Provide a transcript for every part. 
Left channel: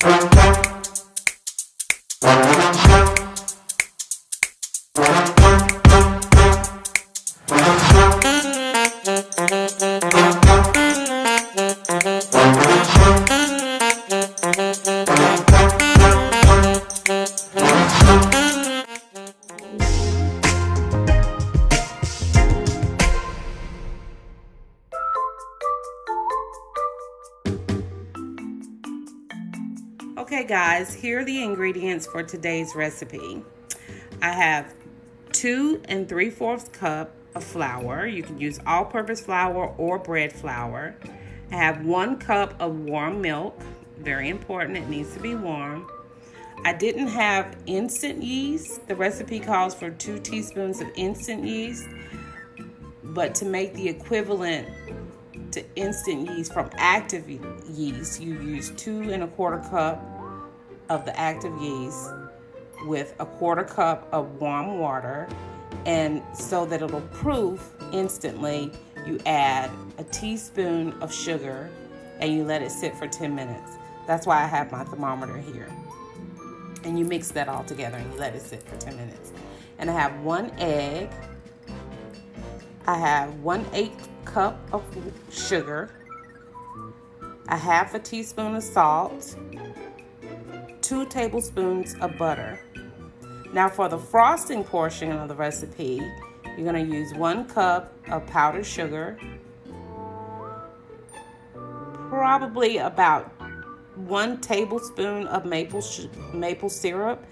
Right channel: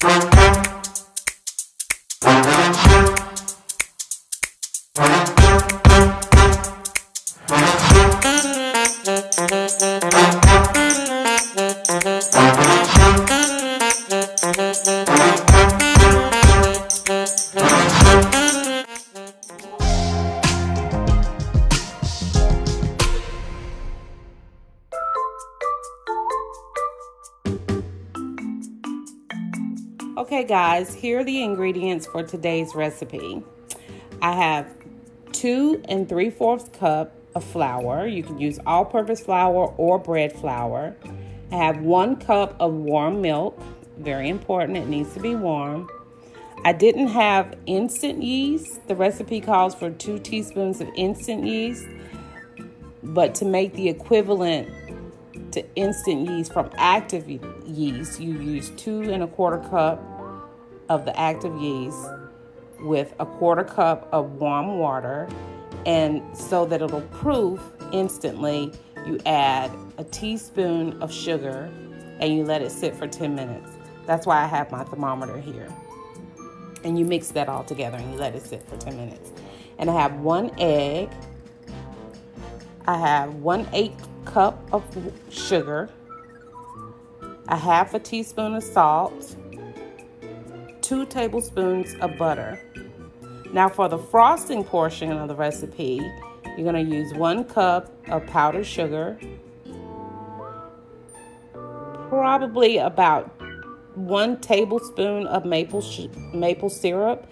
Okay guys, here are the ingredients for today's recipe. I have 2 3/4 cup of flour. You can use all-purpose flour or bread flour. I have 1 cup of warm milk. Very important, it needs to be warm. I didn't have instant yeast. The recipe calls for 2 teaspoons of instant yeast, but to make the equivalent to instant yeast from active yeast, you use 2 1/4 cup of the active yeast with 1/4 cup of warm water, and so that it'll proof instantly, you add a teaspoon of sugar and you let it sit for 10 minutes. That's why I have my thermometer here. And you mix that all together and you let it sit for 10 minutes. And I have 1 egg. I have 1/8 cup of sugar, a 1/2 teaspoon of salt, 2 tablespoons of butter. Now for the frosting portion of the recipe, you're going to use 1 cup of powdered sugar, probably about 1 tablespoon of maple syrup,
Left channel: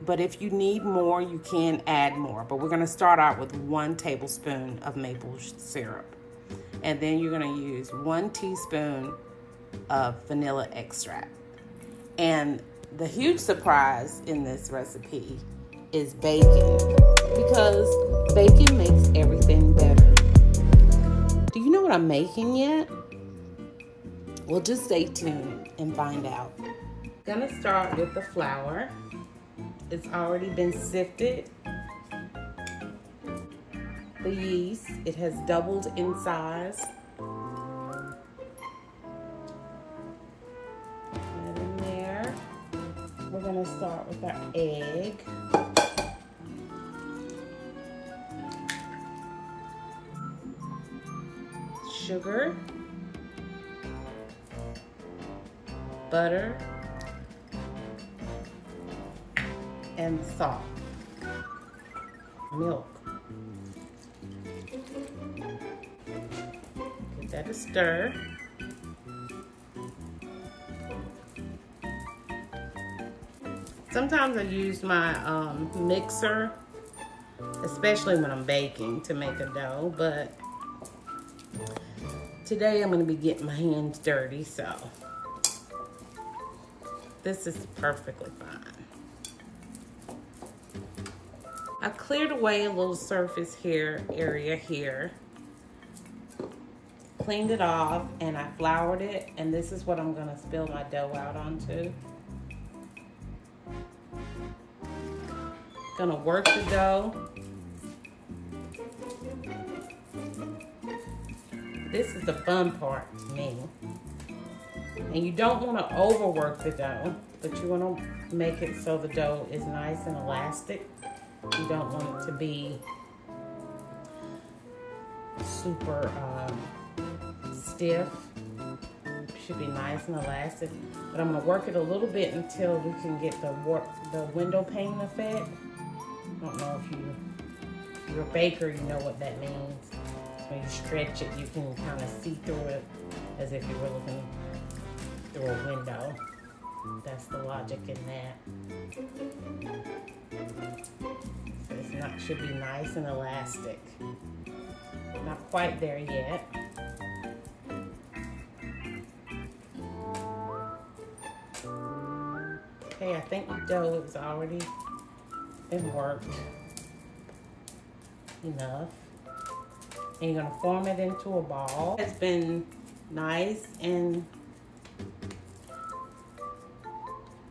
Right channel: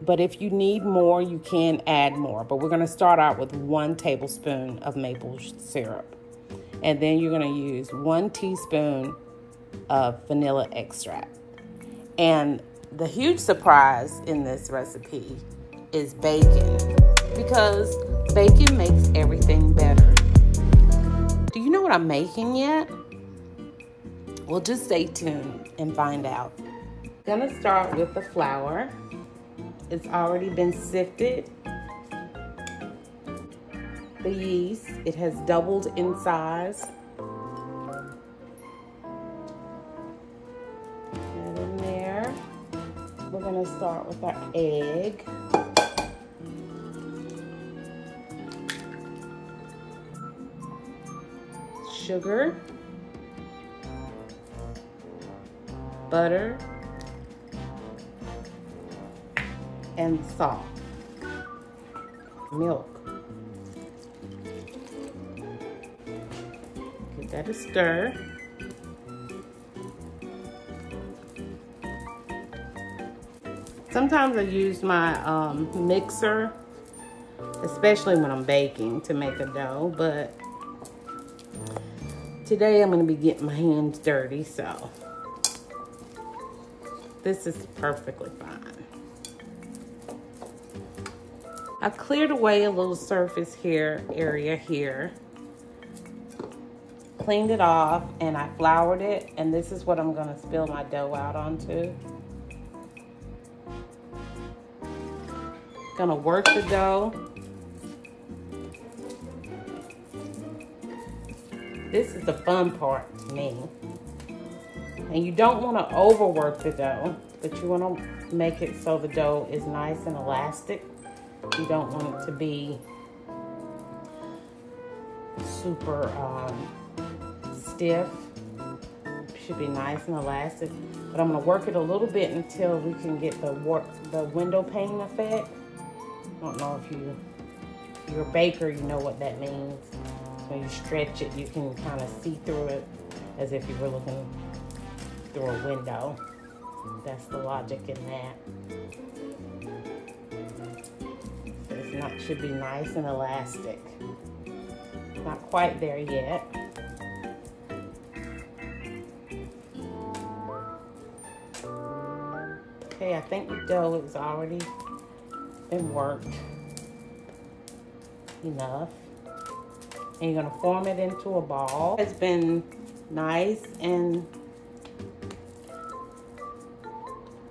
but if you need more, you can add more. But we're going to start out with 1 tablespoon of maple syrup. And then you're going to use 1 teaspoon of vanilla extract. And the huge surprise in this recipe is bacon, because bacon makes everything better. Do you know what I'm making yet? Well, just stay tuned and find out. I'm gonna start with the flour. It's already been sifted. The yeast, it has doubled in size. And in there, we're gonna start with our egg. Sugar. Butter. And salt. Milk. Give that a stir. Sometimes I use my mixer, especially when I'm baking, to make a dough, but today I'm going to be getting my hands dirty, so this is perfectly fine. I cleared away a little surface area here, cleaned it off, and I floured it, and this is what I'm going to spill my dough out onto. Gonna work the dough. This is the fun part to me. And you don't want to overwork the dough, but you want to make it so the dough is nice and elastic. You don't want it to be super stiff. It should be nice and elastic. But I'm going to work it a little bit until we can get the window pane effect. I don't know if you're a baker, you know what that means. So when you stretch it, you can kind of see through it as if you were looking through a window. That's the logic in that. So it should be nice and elastic. Not quite there yet. Okay, I think the dough is already been worked enough. And you're gonna form it into a ball. It's been nice and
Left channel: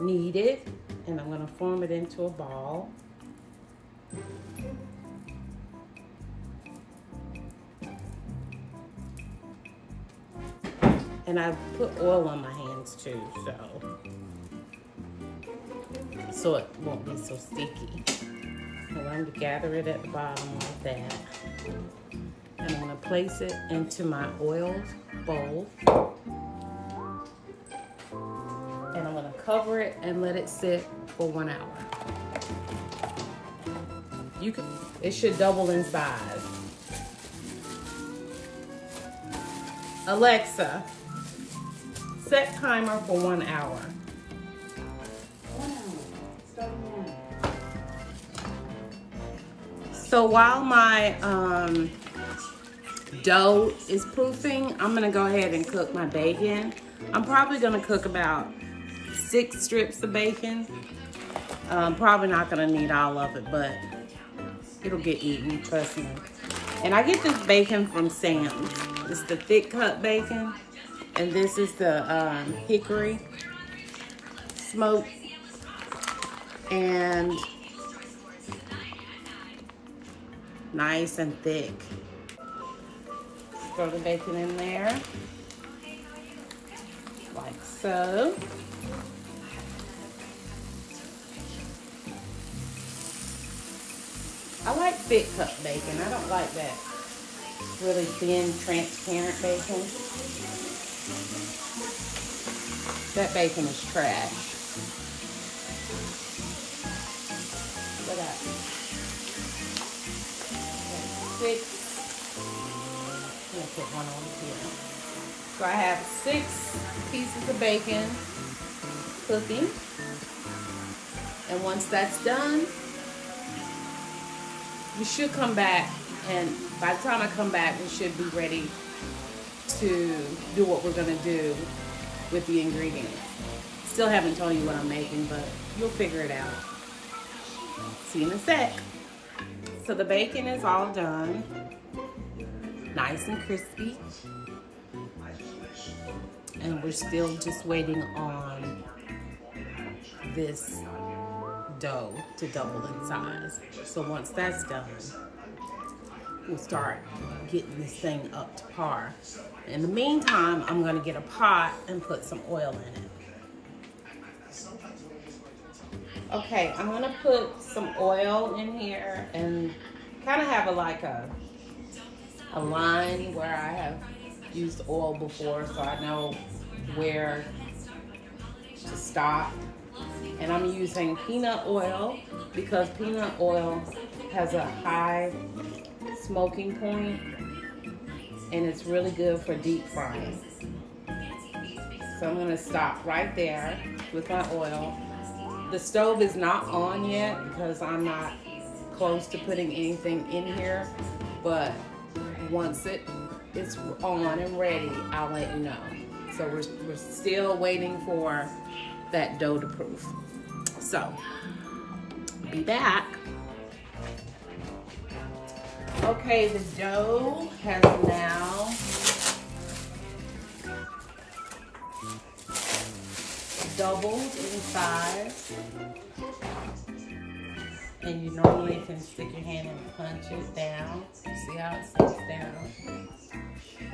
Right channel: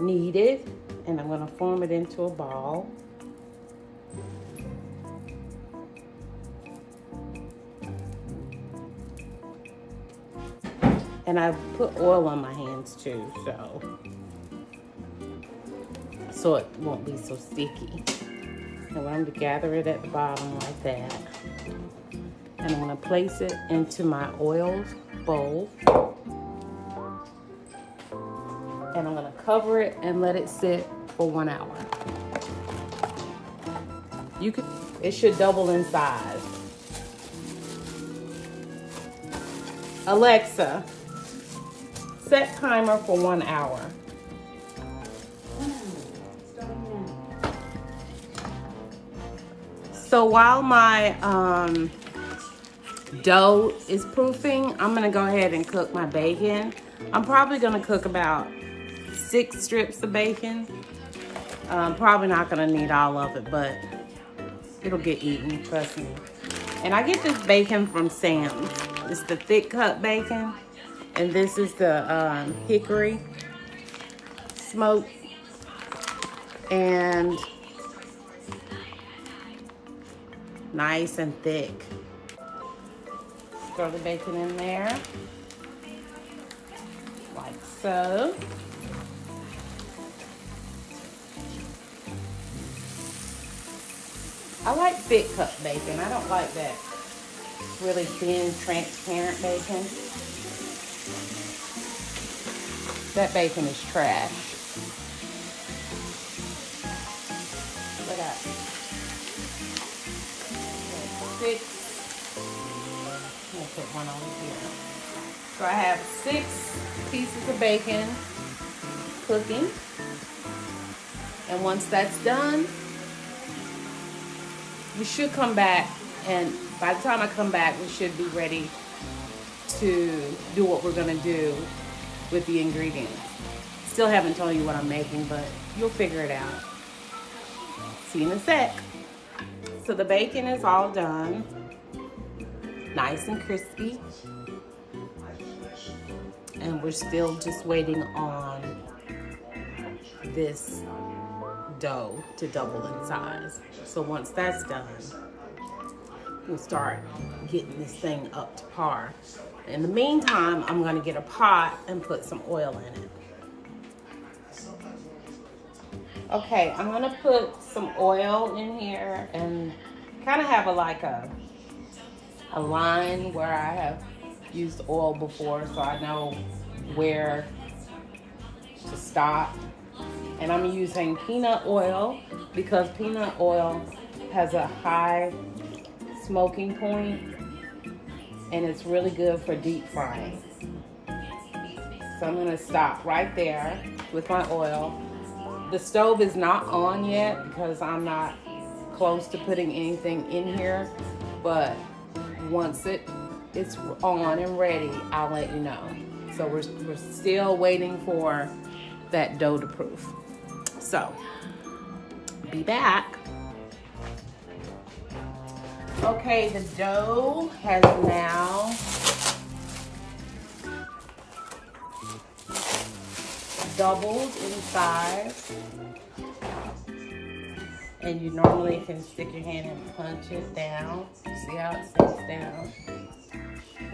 kneaded, and I'm gonna form it into a ball. And I put oil on my hands things too, so it won't be so sticky. So I'm going to gather it at the bottom like that. And I'm going to place it into my oil bowl. And I'm going to cover it and let it sit for 1 hour. It should double in size. Alexa, set timer for 1 hour. So while my dough is poofing, I'm gonna go ahead and cook my bacon. I'm probably gonna cook about 6 strips of bacon. Probably not gonna need all of it, but it'll get eaten, trust me. And I get this bacon from Sam's. It's the thick cut bacon. And this is the hickory smoked. And nice and thick. Throw the bacon in there, like so. I like thick cut bacon. I don't like that really thin, transparent bacon. That bacon is trash. Look at that. 6. I'm gonna put one on here. So I have 6 pieces of bacon cooking. And once that's done, we should come back, and by the time I come back, we should be ready to do what we're gonna do with the ingredients. Still haven't told you what I'm making, but you'll figure it out. See you in a sec. So the bacon is all done, nice and crispy. And we're still just waiting on this dough to double in size. So once that's done, we'll start getting this thing up to par. In the meantime, I'm gonna get a pot and put some oil in it. Okay, I'm gonna put some oil in here and kind of have a line where I have used oil before, so I know where to stop. And I'm using peanut oil because peanut oil has a high smoking point and it's really good for deep frying. So I'm gonna stop right there with my oil. The stove is not on yet because I'm not close to putting anything in here, but once it's on and ready, I'll let you know. So we're still waiting for that dough to proof. So, be back. Okay, the dough has now doubled in size. And you normally can stick your hand and punch it down. See how it sits down?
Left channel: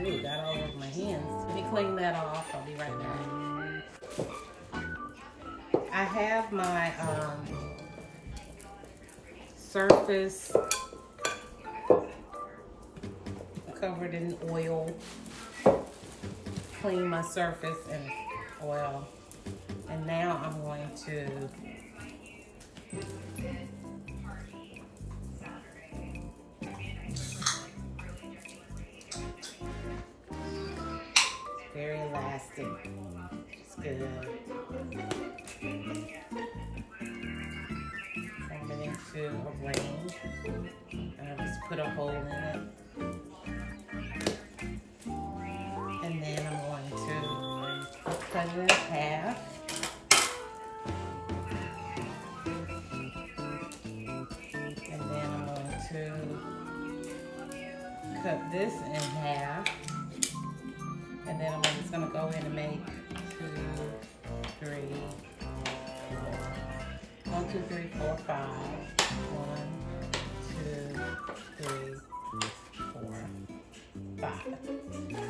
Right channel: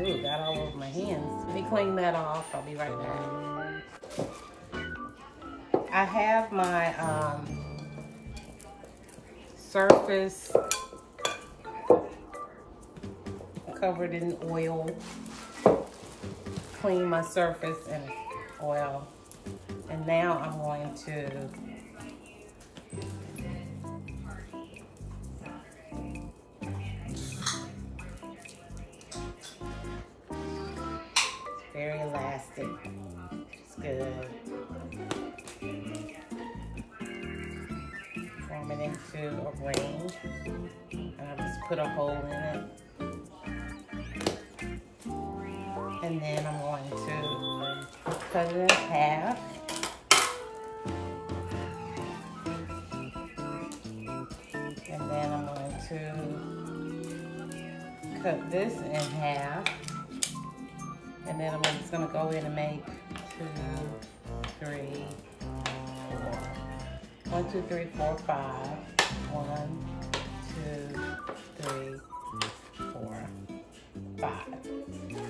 Ooh, it got all over my hands. Let me clean that off. I'll be right back. I have my surface covered in oil. Clean my surface in oil. And now I'm going to very elastic. It's good. Form it into a ring. And I just put a hole in it. And then I'm going to cut it in half. And then I'm going to cut this in half. And then I'm just going to go in and make 2, 3, 4. 1, 2, 3, 4, 5. 1, 2, 3, 4, 5.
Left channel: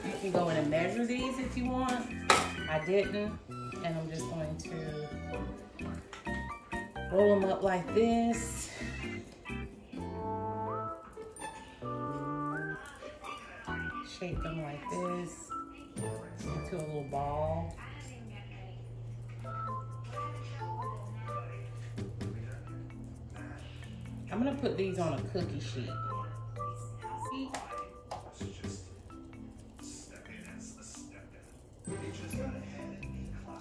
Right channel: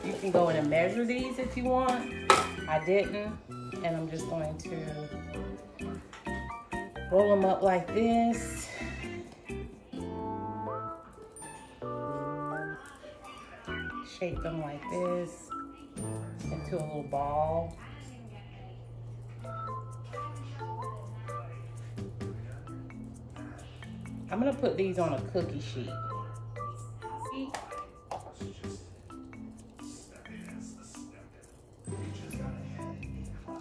You can go in and measure these if you want. I didn't, and I'm just going to roll them up like this. Shape them like this into a little ball. I'm gonna put these on a cookie sheet.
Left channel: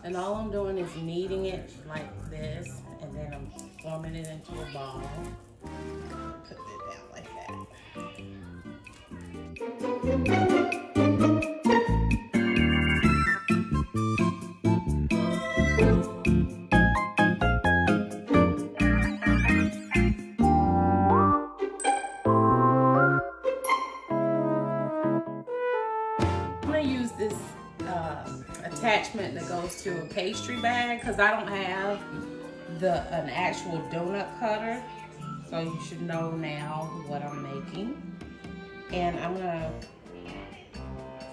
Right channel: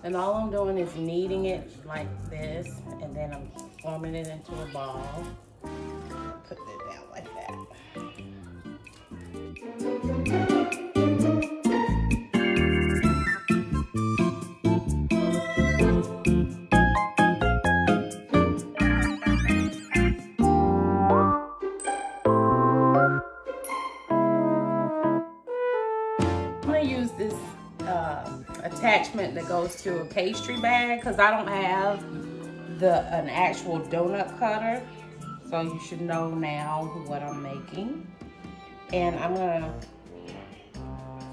And all I'm doing is kneading it like this, and then I'm forming it into a ball. Put it down like that. I'm gonna use this attachment that goes to a pastry bag because I don't have an actual donut cutter, so you should know now what I'm making. And I'm gonna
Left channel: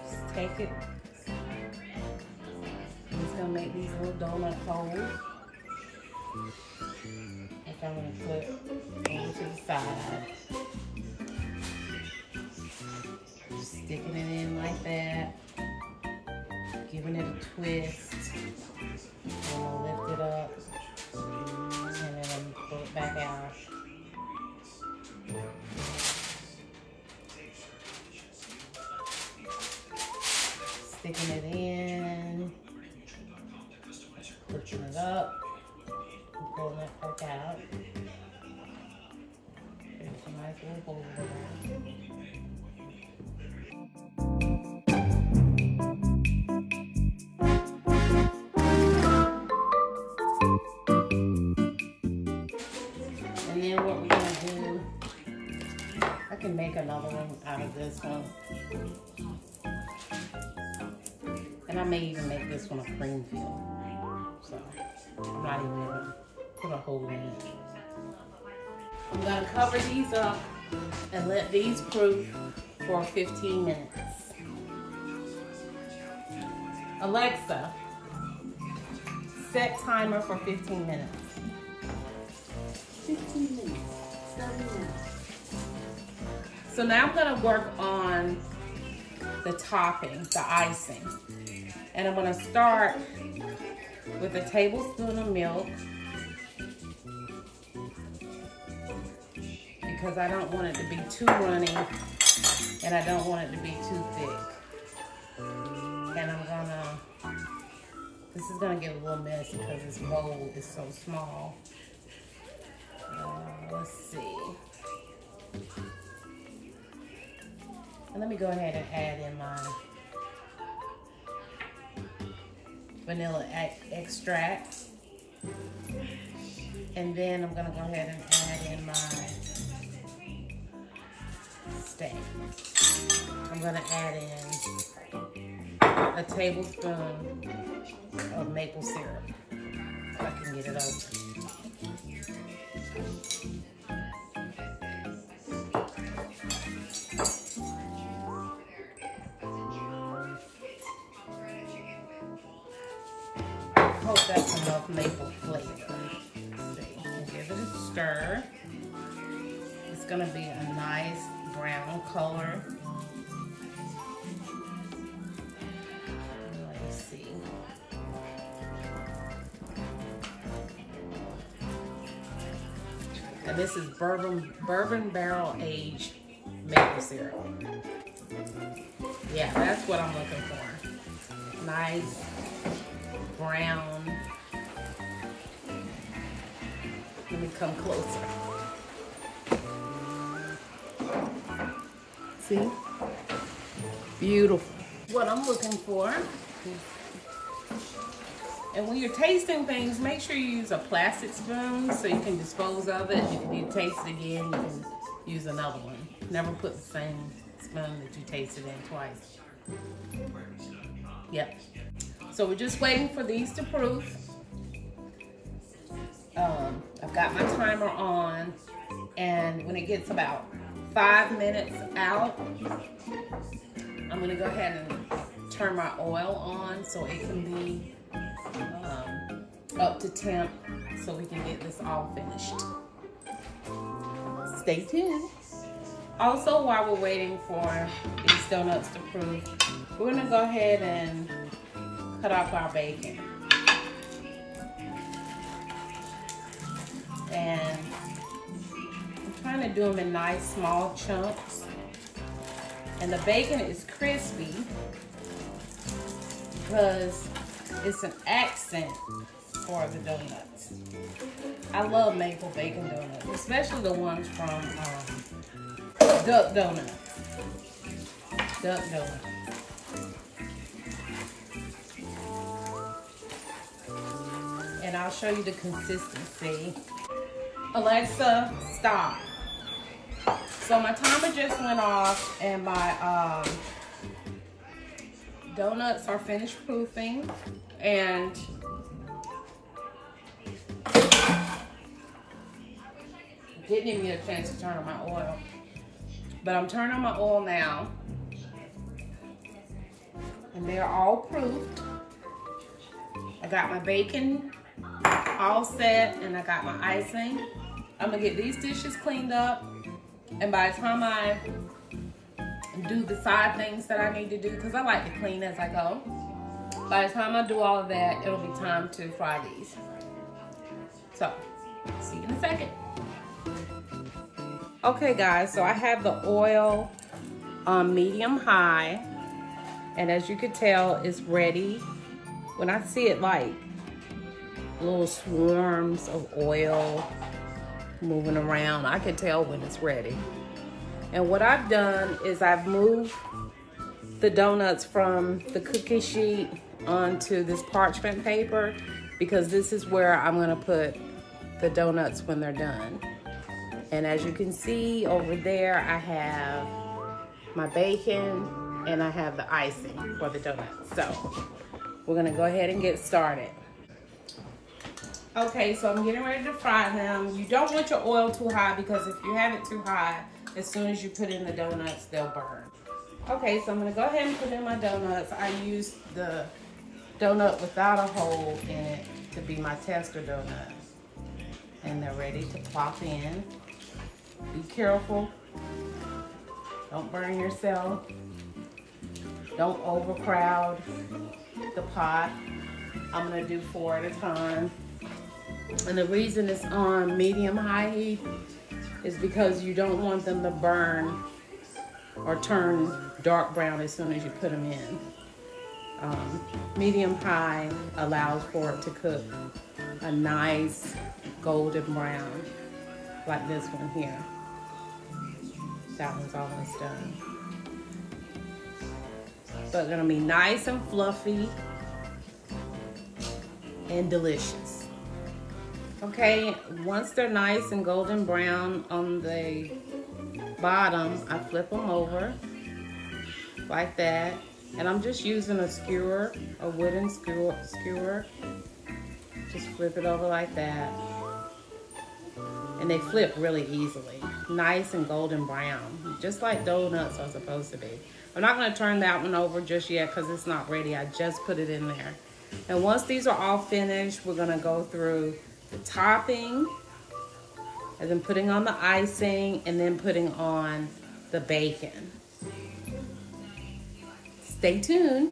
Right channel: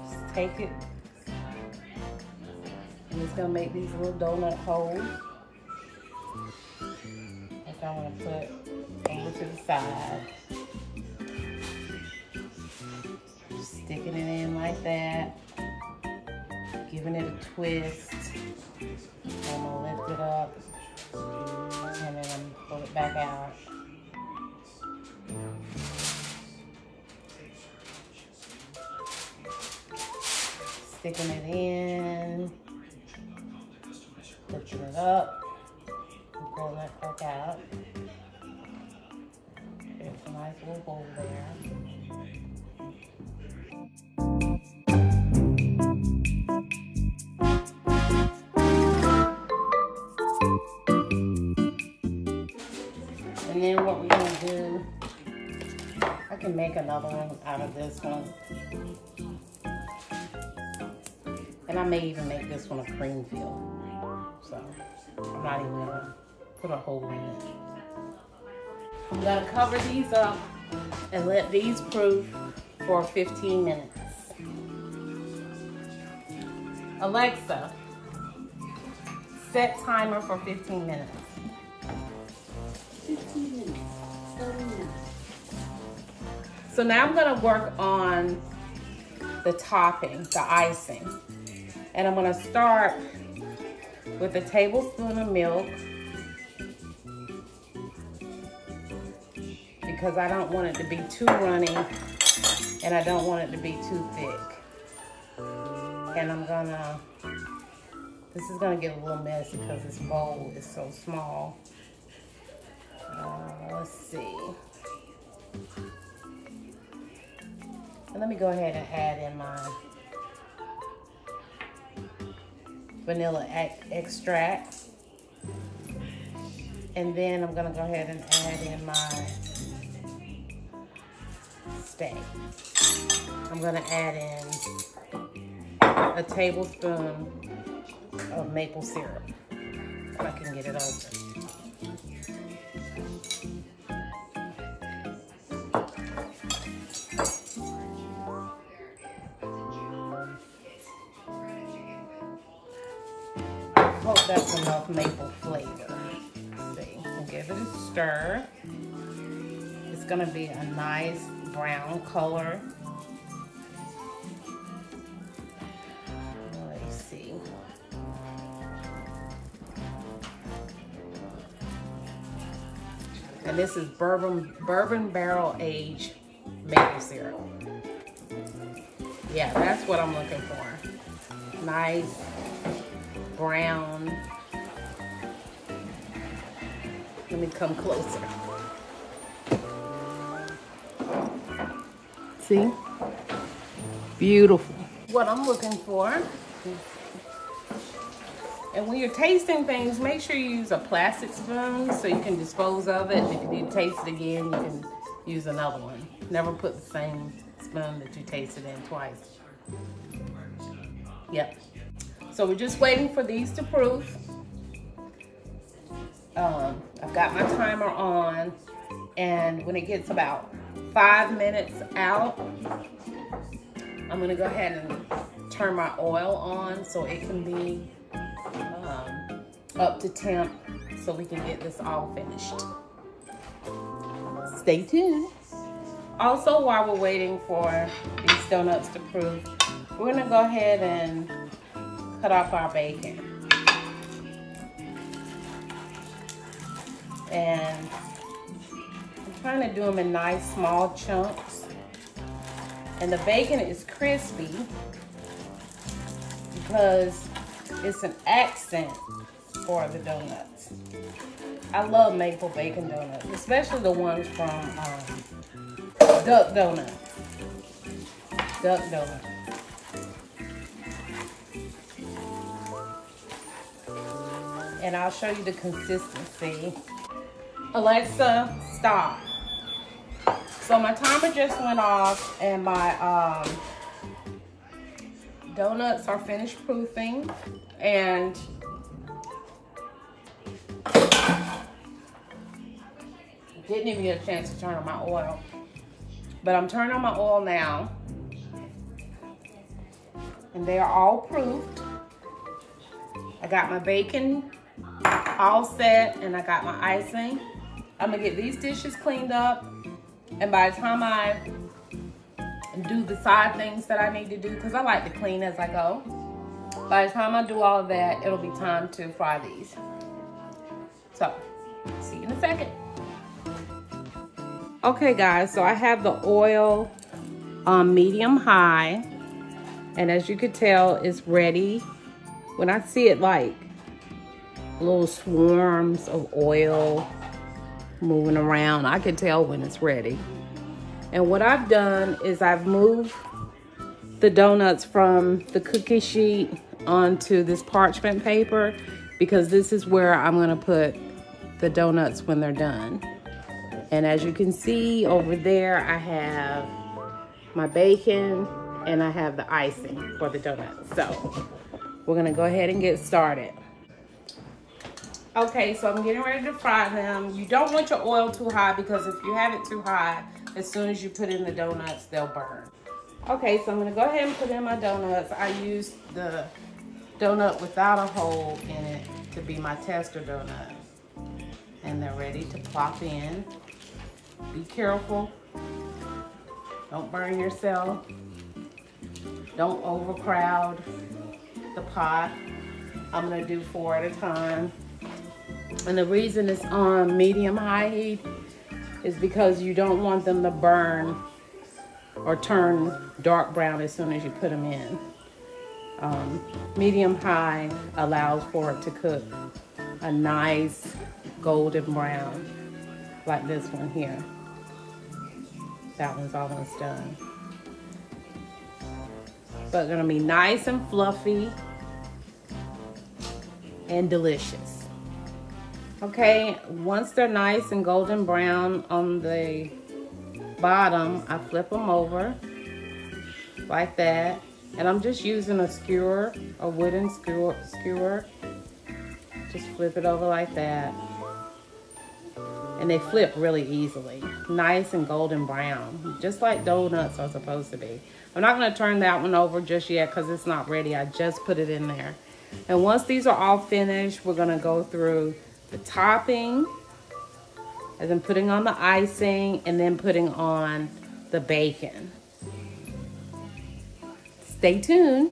just take it. I'm just gonna make these little donut holes, which I'm gonna put over to the side. Sticking it in like that. Giving it a twist. I'm gonna lift it up and then pull it back out. Sticking it in, lifting it up, and pulling that part out. There's a nice little hole there. And then what we're gonna do, I can make another one out of this one. And I may even make this one a cream fill. So I'm not even gonna put a hole in it. I'm gonna cover these up and let these proof for 15 minutes. Alexa, set timer for 15 minutes. 15 minutes, 30 minutes. So now I'm gonna work on the topping, the icing. And I'm gonna start with a tablespoon of milk because I don't want it to be too runny and I don't want it to be too thick. And I'm gonna, this is gonna get a little messy because this bowl is so small. Let's see. And let me go ahead and add in my vanilla extract. And then I'm gonna go ahead and add in my steak. I'm gonna add in a tablespoon of maple syrup so I can get it open. Hope that's enough maple flavor. See, I'll give it a stir. It's gonna be a nice brown color. Let's see. And this is bourbon barrel aged maple syrup. Yeah, that's what I'm looking for. Nice brown. Let me come closer. See? Beautiful. What I'm looking for. And when you're tasting things, make sure you use a plastic spoon so you can dispose of it. If you need to taste it again, you can use another one. Never put the same spoon that you tasted in twice. Yep. So we're just waiting for these to proof. I've got my timer on, and when it gets about 5 minutes out, I'm gonna go ahead and turn my oil on so it can be up to temp so we can get this all finished. Stay tuned. Also, while we're waiting for these donuts to proof, we're gonna go ahead and cut off our bacon. And I'm trying to do them in nice small chunks. And the bacon is crispy because it's an accent for the donuts. I love maple bacon donuts, especially the ones from Duck Donuts. Duck Donuts. And I'll show you the consistency. Alexa, stop. So my timer just went off and my donuts are finished proofing, and didn't even get a chance to turn on my oil. But I'm turning on my oil now. And they are all proofed. I got my bacon all set and I got my icing. I'm gonna get these dishes cleaned up. And by the time I do the side things that I need to do, because I like to clean as I go, by the time I do all of that, it'll be time to fry these. So, see you in a second. Okay guys, so I have the oil on medium high, and as you can tell, it's ready. When I see it like little swarms of oil moving around, I can tell when it's ready. And what I've done is I've moved the donuts from the cookie sheet onto this parchment paper, because this is where I'm gonna put the donuts when they're done. And as you can see over there, I have my bacon and I have the icing for the donuts. So we're gonna go ahead and get started. Okay, so I'm getting ready to fry them. You don't want your oil too high, because if you have it too high, as soon as you put in the donuts, they'll burn. Okay, so I'm gonna go ahead and put in my donuts. I used the donut without a hole in it to be my tester donut. And they're ready to plop in. Be careful. Don't burn yourself. Don't overcrowd the pot. I'm gonna do 4 at a time. And the reason it's on medium-high heat is because you don't want them to burn or turn dark brown as soon as you put them in. Medium-high allows for it to cook a nice golden brown, like this one here. That one's almost done. So it's gonna be nice and fluffy and delicious. Okay, once they're nice and golden brown on the bottom, I flip them over like that. And I'm just using a skewer, a wooden skewer. Just flip it over like that. And they flip really easily. Nice and golden brown, just like donuts are supposed to be. I'm not gonna turn that one over just yet because it's not ready. I just put it in there. And once these are all finished, we're gonna go through the topping, and then putting on the icing, and then putting on the bacon. Stay tuned.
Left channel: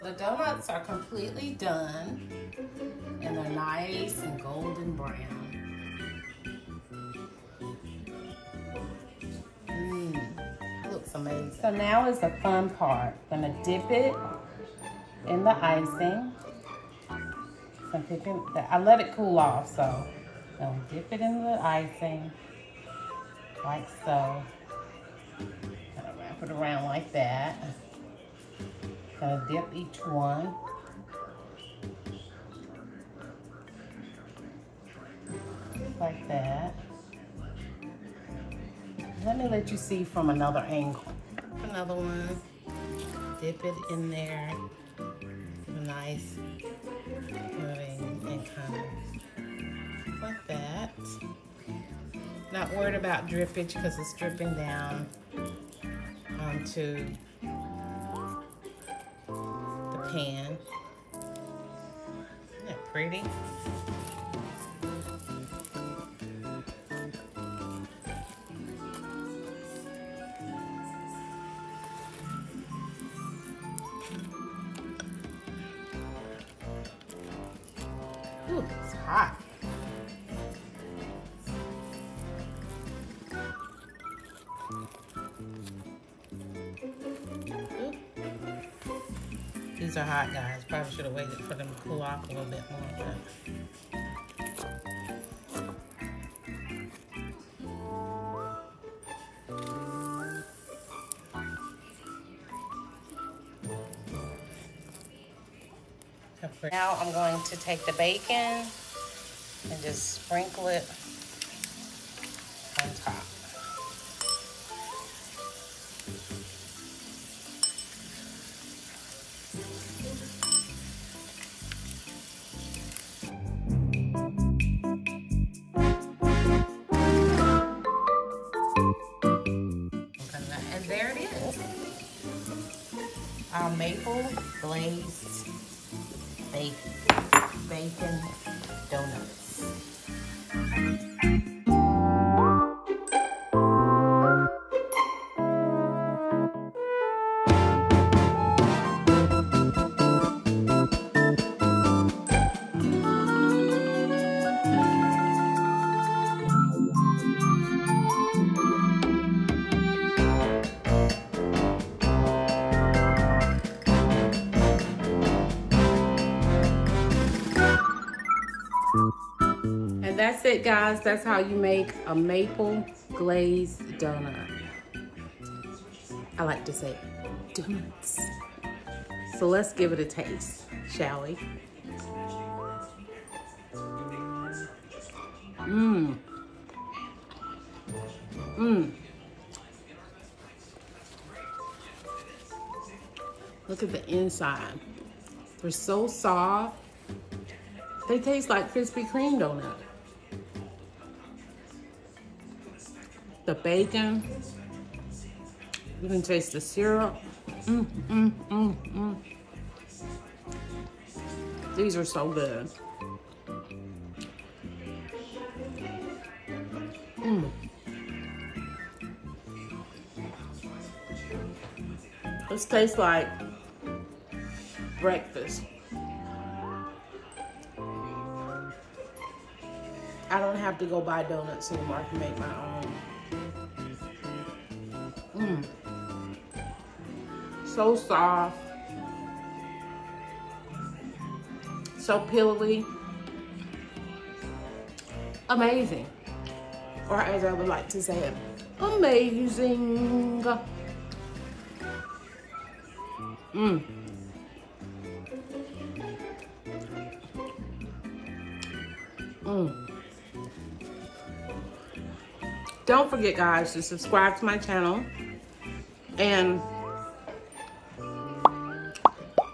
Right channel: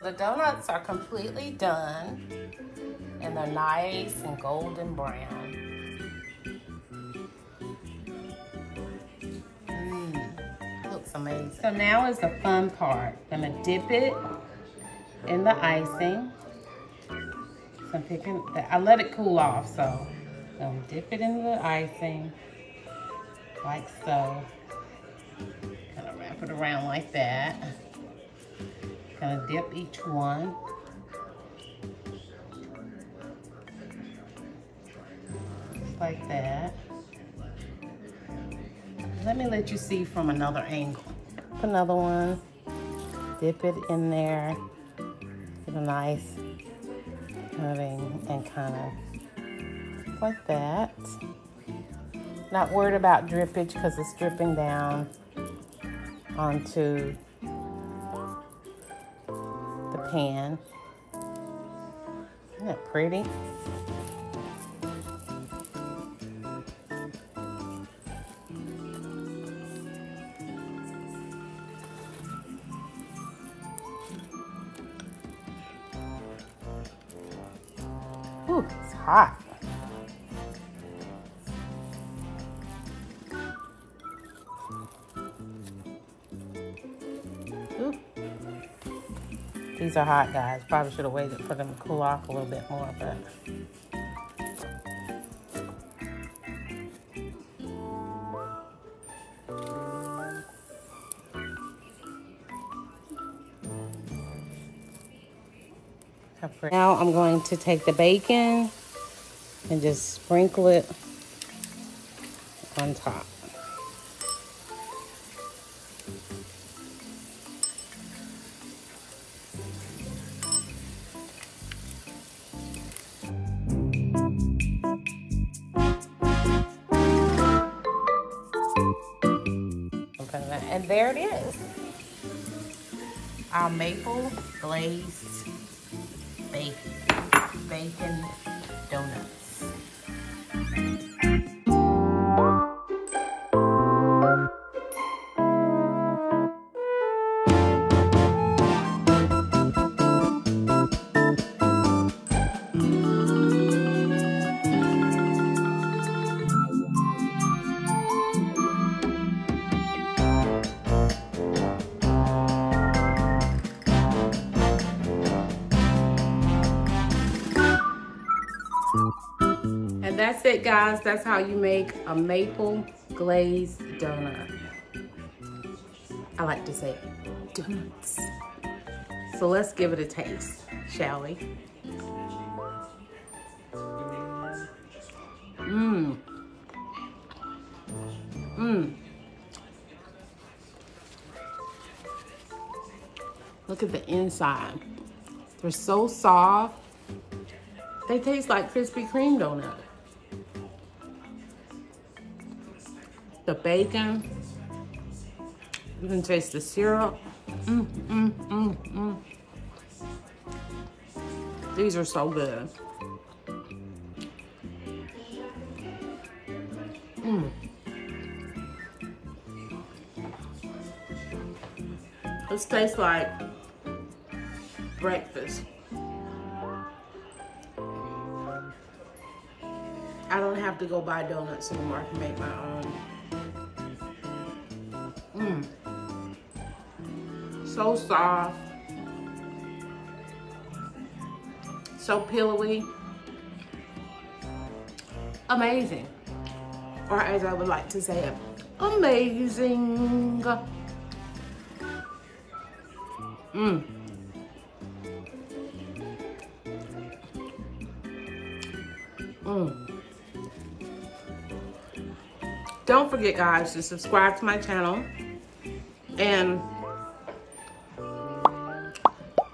The donuts are completely done, and they're nice and golden brown. Looks amazing. So now is the fun part. I'm gonna dip it in the icing. So I'm picking, I let it cool off, so I'm gonna dip it in the icing, like so. Kind of wrap it around like that. Gonna dip each one. Like that. Let me let you see from another angle. Another one. Dip it in there. Get a nice moving and kind of like that. Not worried about drippage because it's dripping down onto the pan. Isn't that pretty? Ooh, it's hot. These are hot, guys. Probably should have waited for them to cool off a little bit more, but. Now I'm going to take the bacon and just sprinkle it on top. And there it is. Our maple glazed bacon donuts. And that's it, guys. That's how you make a maple glazed donut. I like to say donuts. So let's give it a taste, shall we? Mmm. Mmm. Look at the inside. They're so soft. They taste like Krispy Kreme donut. The bacon. You can taste the syrup. These are so good. This tastes like breakfast. I don't have to go buy donuts anymore. I can make my own. So soft. So pillowy. Amazing. Or as I would like to say it, amazing. Don't forget, guys, to subscribe to my channel and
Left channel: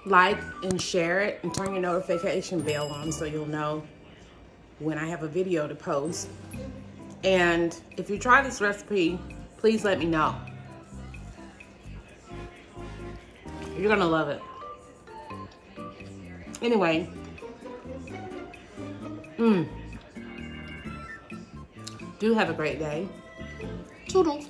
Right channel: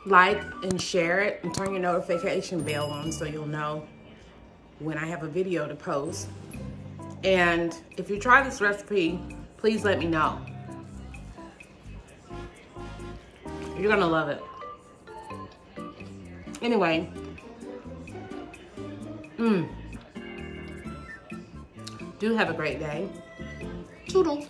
like and share it and turn your notification bell on so you'll know when I have a video to post. And if you try this recipe, please let me know. You're gonna love it. Anyway, do have a great day. Toodles.